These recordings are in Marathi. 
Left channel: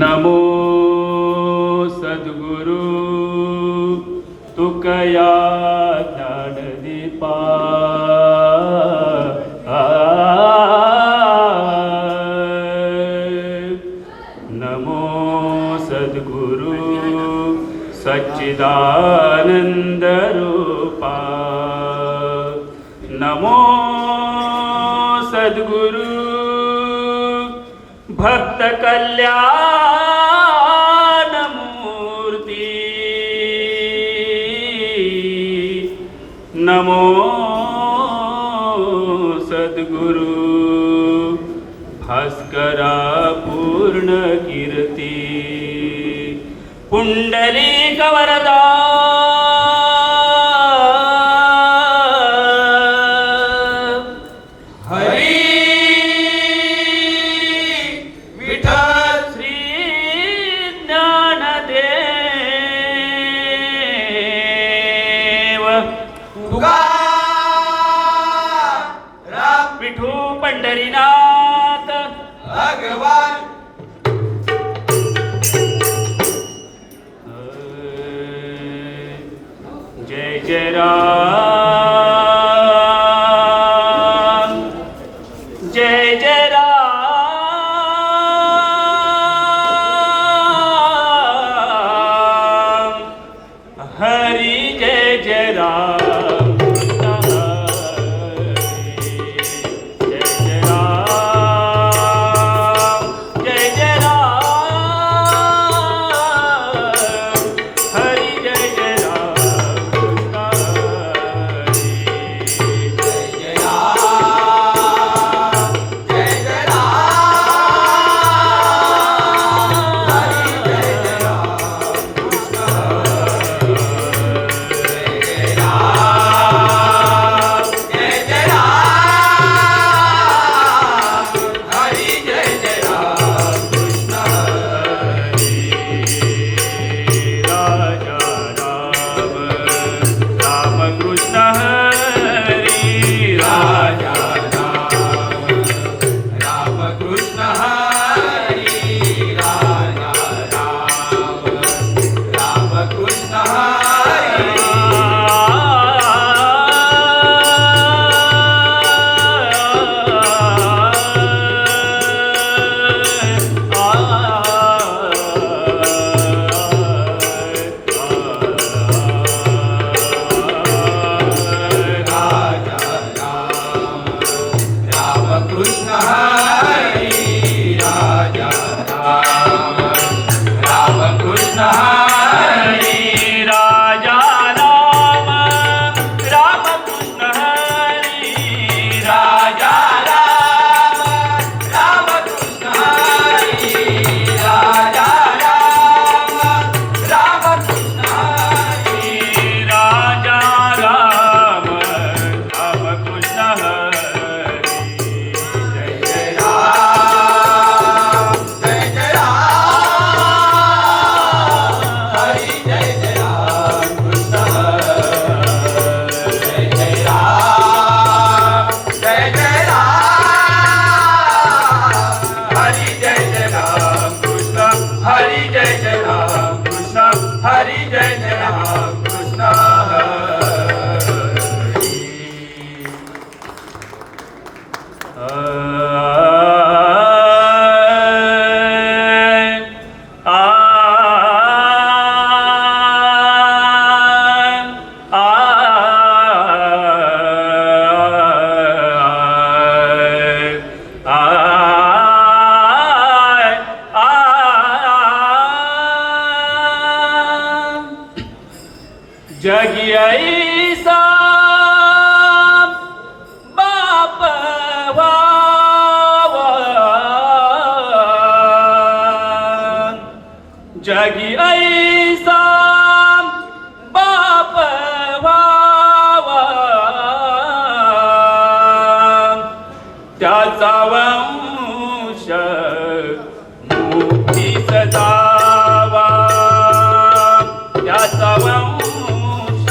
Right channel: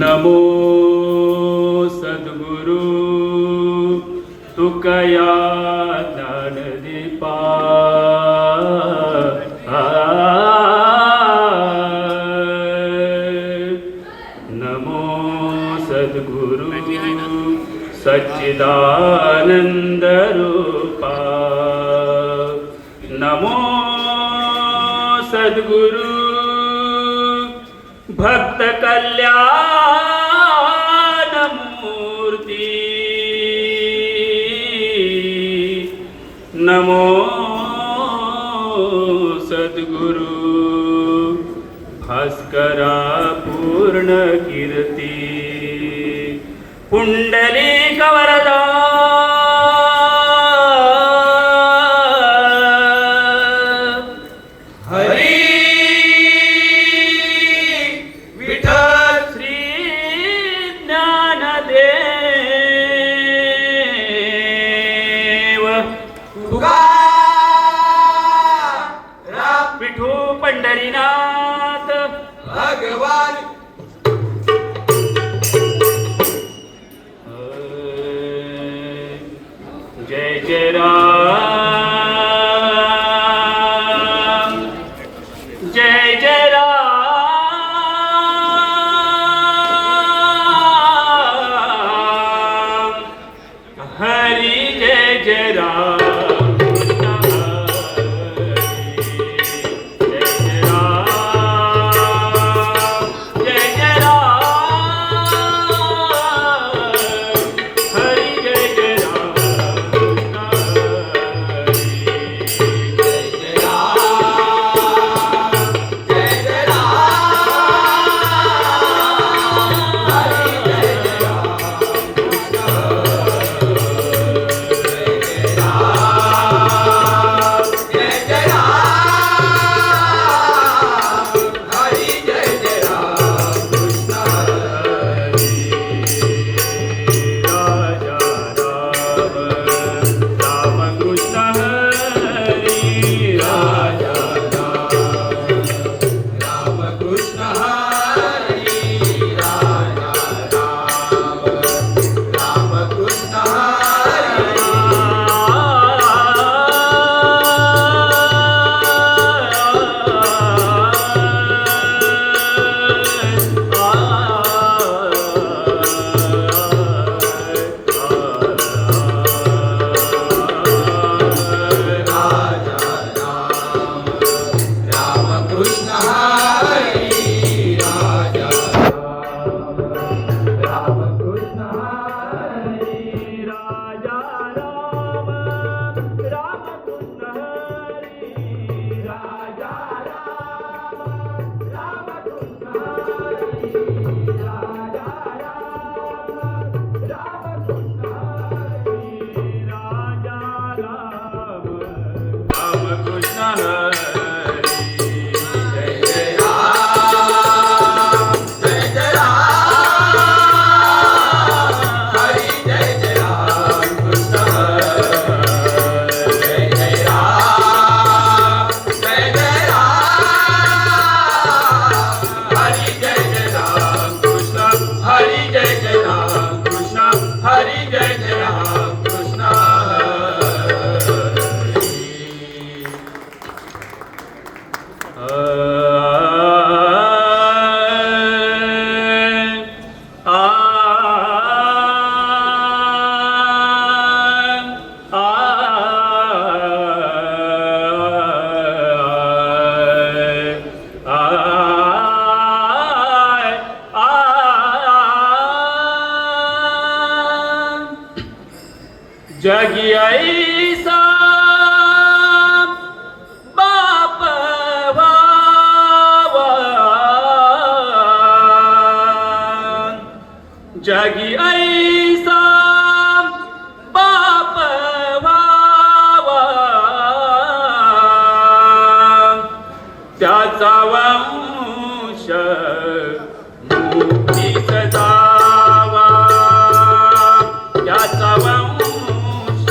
नमो सद्गुरु तुकया ज्ञानदीपा नमो सद्गुरु सच्चिदानंद रूपा नमो सद्गुरु भक्त कल्याण मूर्ती नमो सद्गुरु भास्करा पूर्ण कीर्ती पुंडलिक वरदा हरी विठ्ठल श्री ज्ञानदेव तुकाराम विठू पंढरीनाथ भगवान जय जय राम जय जय राम हरि जय जय राम जगी ऐसा बाप भावा जगी ऐसा बाप भावा त्याचा वंश मुक्ती सदावा त्याचा वंश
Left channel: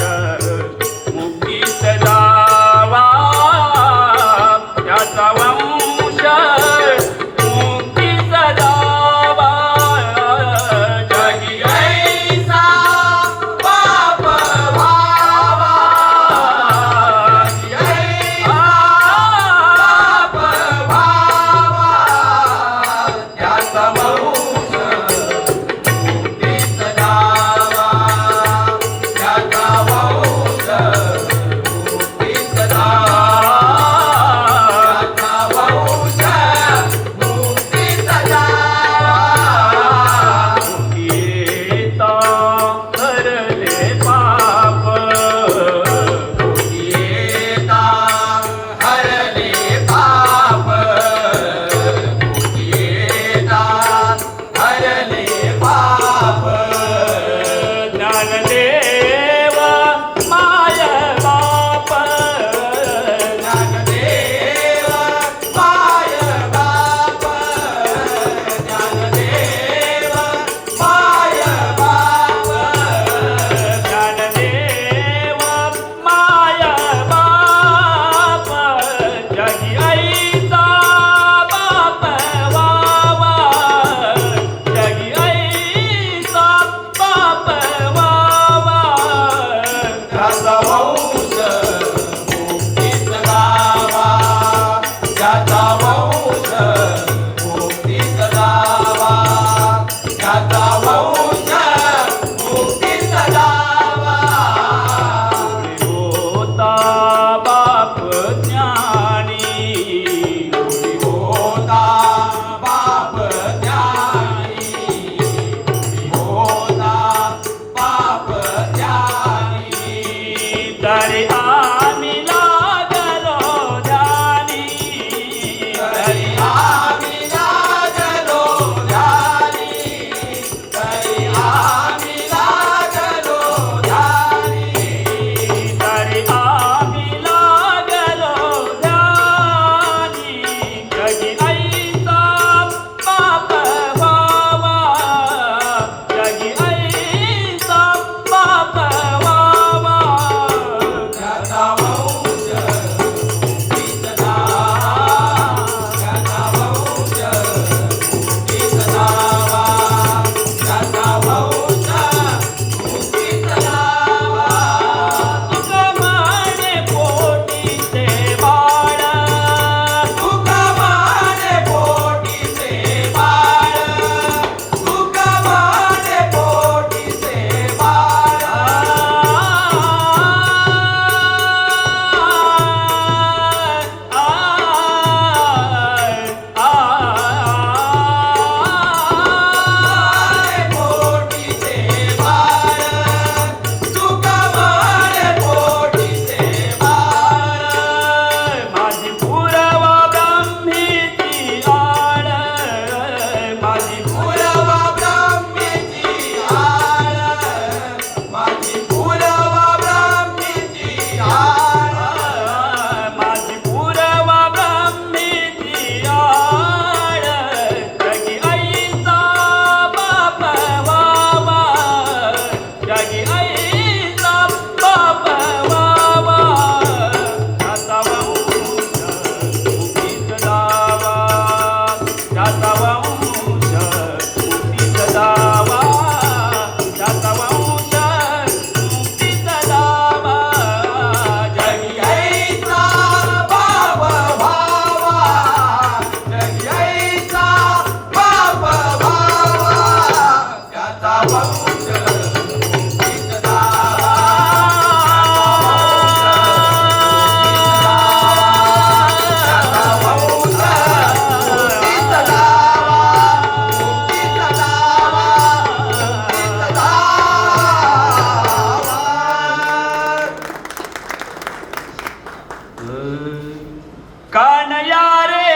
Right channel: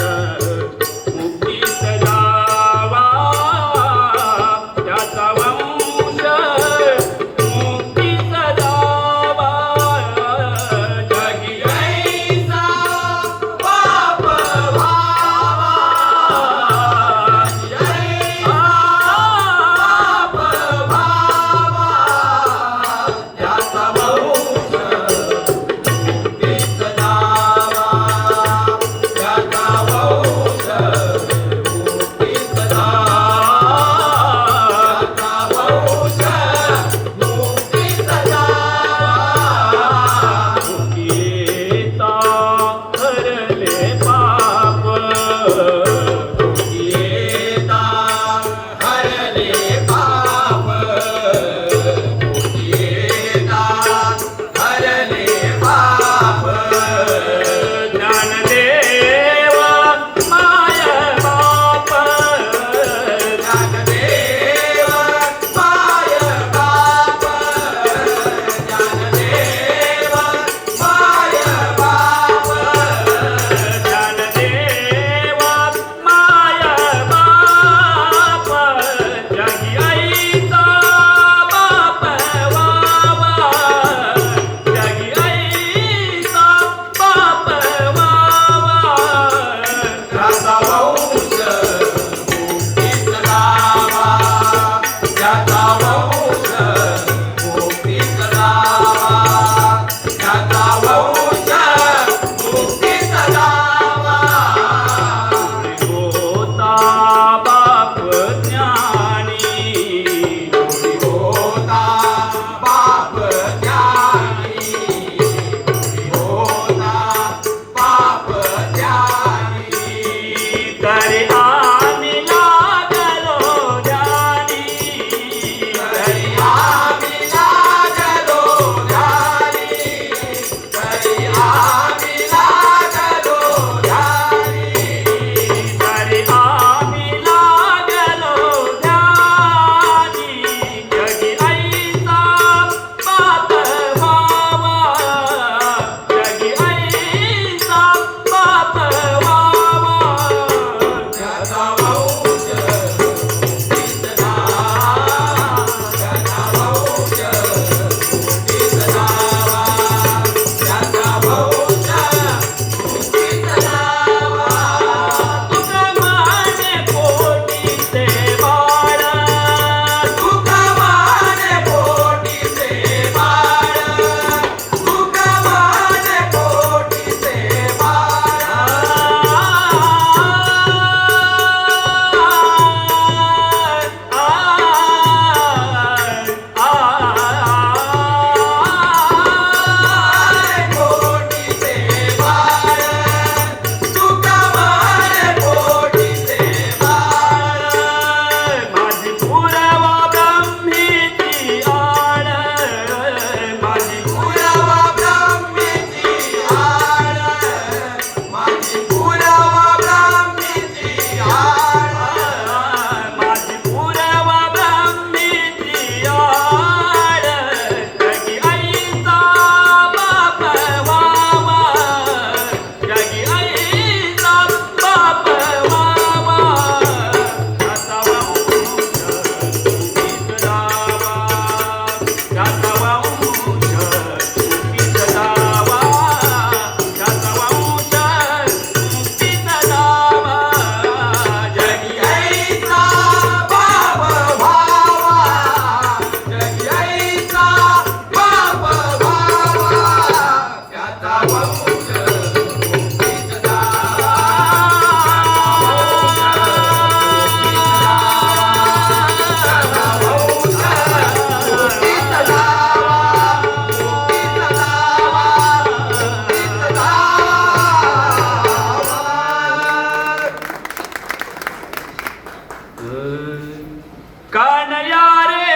कानया रे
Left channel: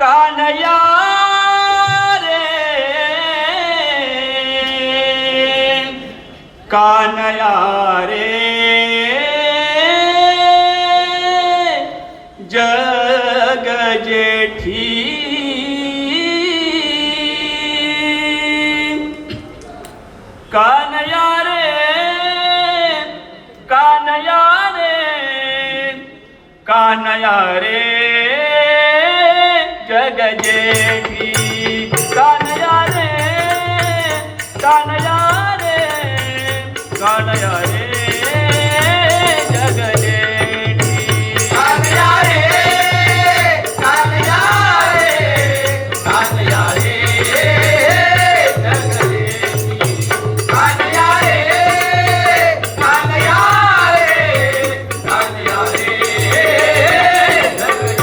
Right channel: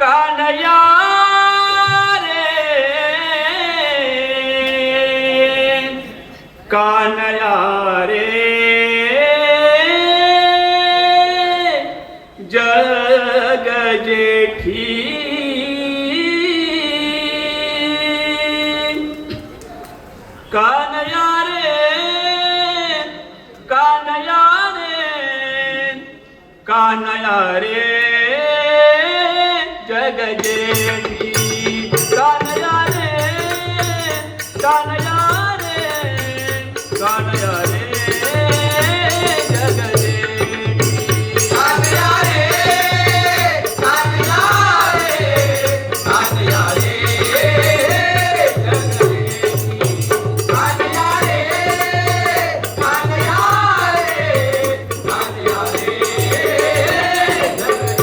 कानया रे कानया रे जग जेठी कानया रे कानया रे कानया रे जग जेठी कानया रे कानया रे कानया रे जग जेठी कानया रे कानया रे कानया रे जग जेठी कानया रे कानया रे कानया रे जग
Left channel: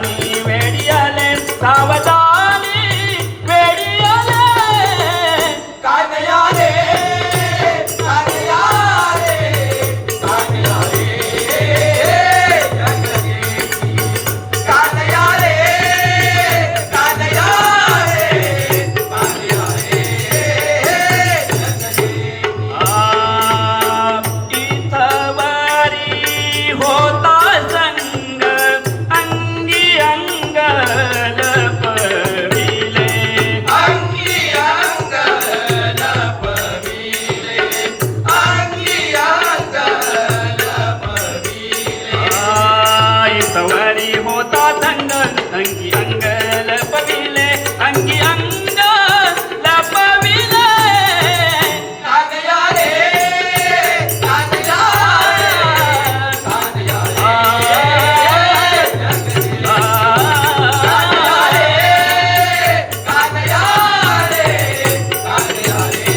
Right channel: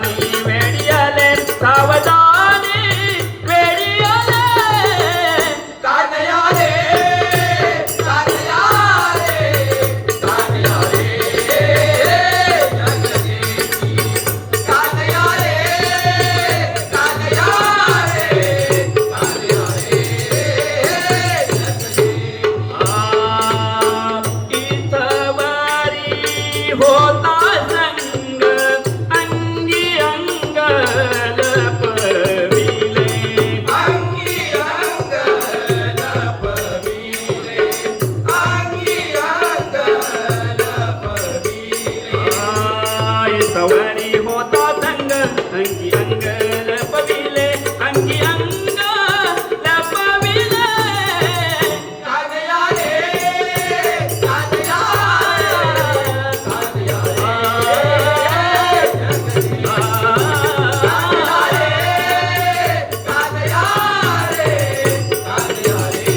सावधानी वेळी आले सावधानी वेळी आले कानया रे कानया रे कानया रे जगदेवी कानया रे कानया रे कानया रे जगदेवी इथवारी होता संग अंगी अंग लपविले अंगी अंग लपविले अंगी अंग लपविले इथवारी होता संग अंगी अंग लपविले अंगी अंग लपविले कानया रे कानया रे कानया रे कानया रे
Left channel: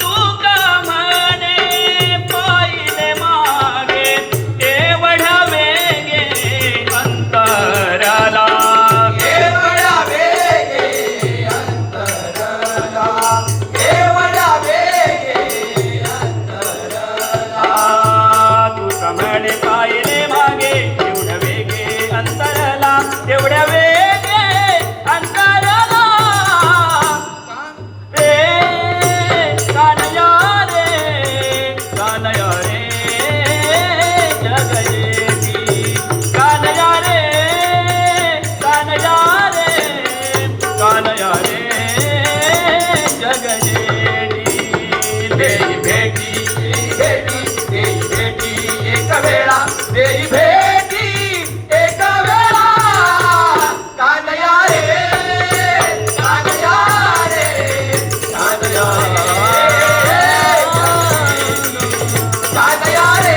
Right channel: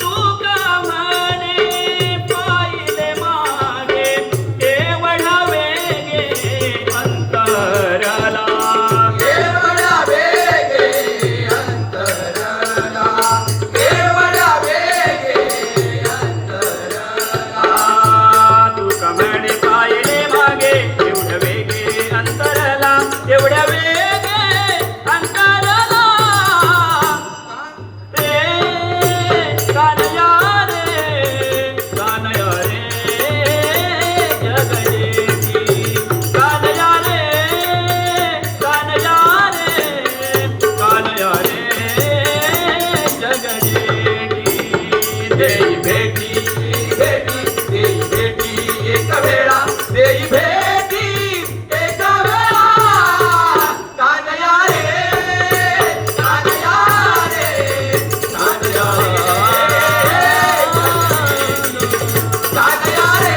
तू का म्हणे पायीने मागे एवढा वेगे अंतराला केवढा वेगे अंतरला केवढा वेगे अंतरला तू का म्हणे पायीने मागे एवढ्या वेगे अंतराला एवढ्या वेगे अंतराला रे कानया रे कानया रे जगदेवी कानया रे कानया रे कानया रे जगदेवी देई भेटी भेटी देई भेटी एक वेळा देई भेटी एक वेळा कानया रे कानया रे कानया रे कानया रे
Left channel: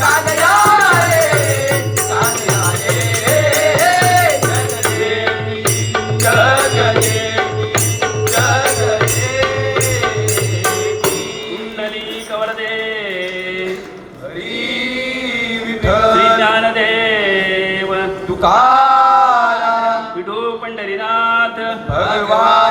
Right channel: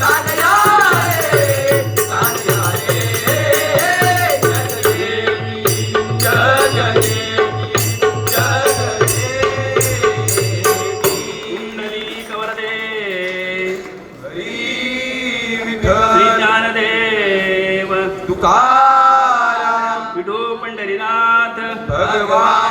कानया रे कानया रे जगदेवी जगदेवी कुंडली कवरदे हरी श्री विठ्ठल ज्ञानदेव तुकाराम विठू पंढरीनाथ भगवान